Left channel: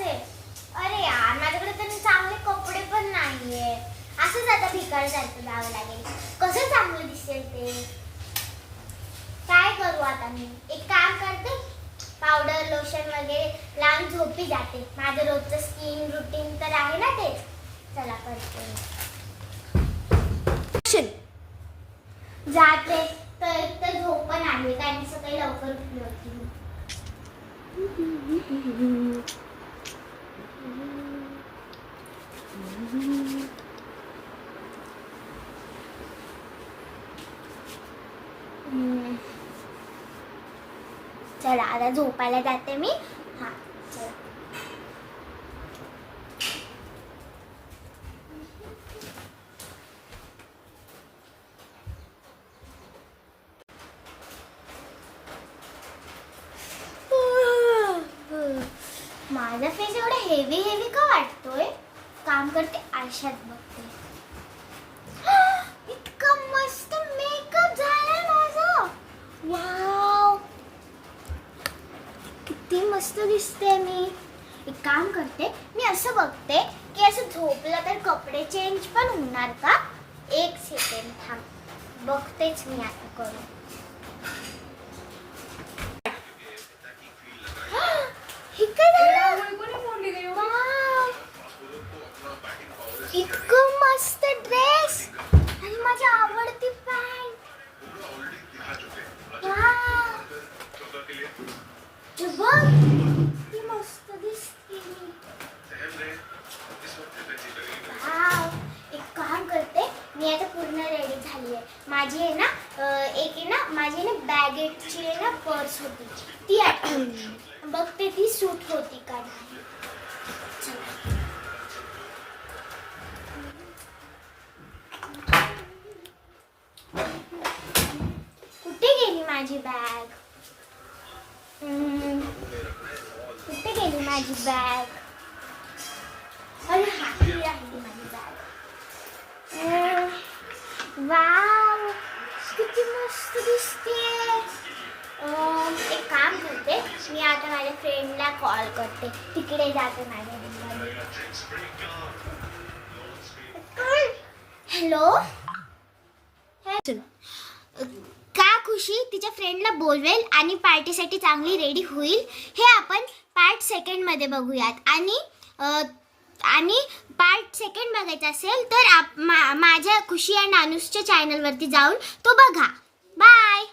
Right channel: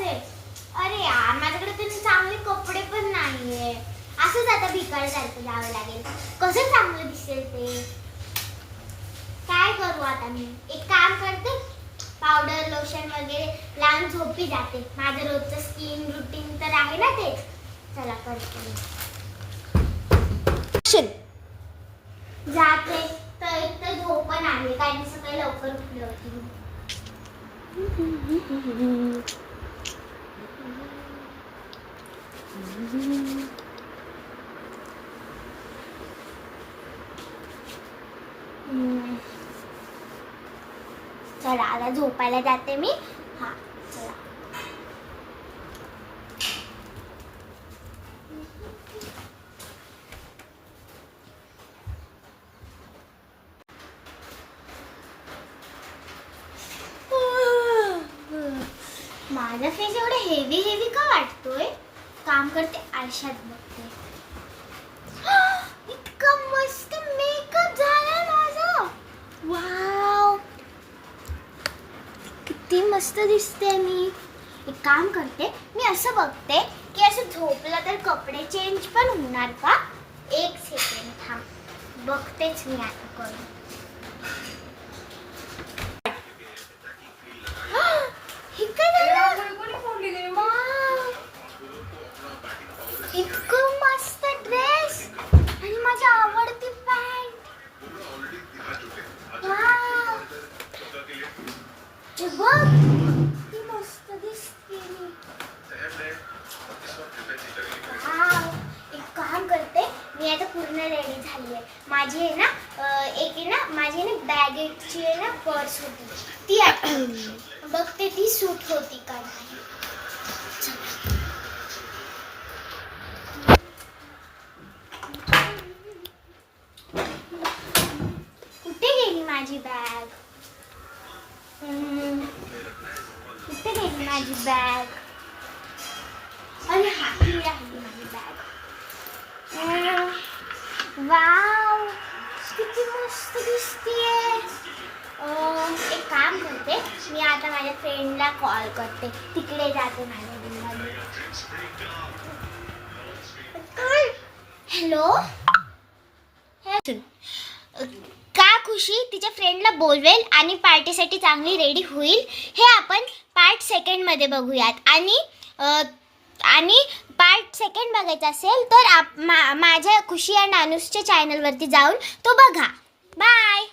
आहे. अरे यार माझ्याकडे तर चांगले कपडे पण नाहीये. असंच आता भिकारसारखं जावं लागेल. कसं चांगलं दिसेल ते. काय करू आता मी. एक काम करते, पावडर लोशन वगैरे लावून झोपी जाते. माझं रोजचं स्किन रुटीन तर आहे ना ते. चला करते जाते. तर एक तर झोप पण आली कारण सकाळी लवकर उठली होती. चला आता झोपायला जाते मी. हा चला. माझा फेस एवढा हेवी हेवी का वाटतोय. काम करते आरशात बघते. इतका मस्त मेकअप झालाय माझा. वाव किती मस्त दिसते मी. एक काम करते, मी असं बघते की असं झोपलं तर कपडे चेंज पण होणार का. एक सेकंड थांब, बघतेच मी आता करून. इतकं मस्त ड्रेस आणि माझी आवडती पॅन्ट. बघ किती मस्त दिसते. एक काम करते, मी आता पूर्ण रेडी झाली आहे. माझी आहे ना एक आहे ना माझी ना बॅगेटची आहे ना पर्स होती ती आठवली. बघते ती सूट होती का नाही. कुठे गेली माझी बॅग. कुठे गेली माझी बॅग. अरे हा ही आहे माझी बॅग. वाव किती मस्त दिसतीये. एक काम करते, मी आता माझ्या फ्रेंडला कॉल करते. तिकडे जाते माझ्या रूममध्ये. हॅलो का खुशी तिच्या फ्रेंडला बोलवेल आणि पार्टीसाठी चांगली रेडी होईल हे आपण पार्ट सेकंड मध्ये बघूयात. आणि पार्ट सेकंड बघायचा असेल तर माझ्या खुशी अँड अनुजच्या चॅनलवरती जाऊन तो बघा. बाय.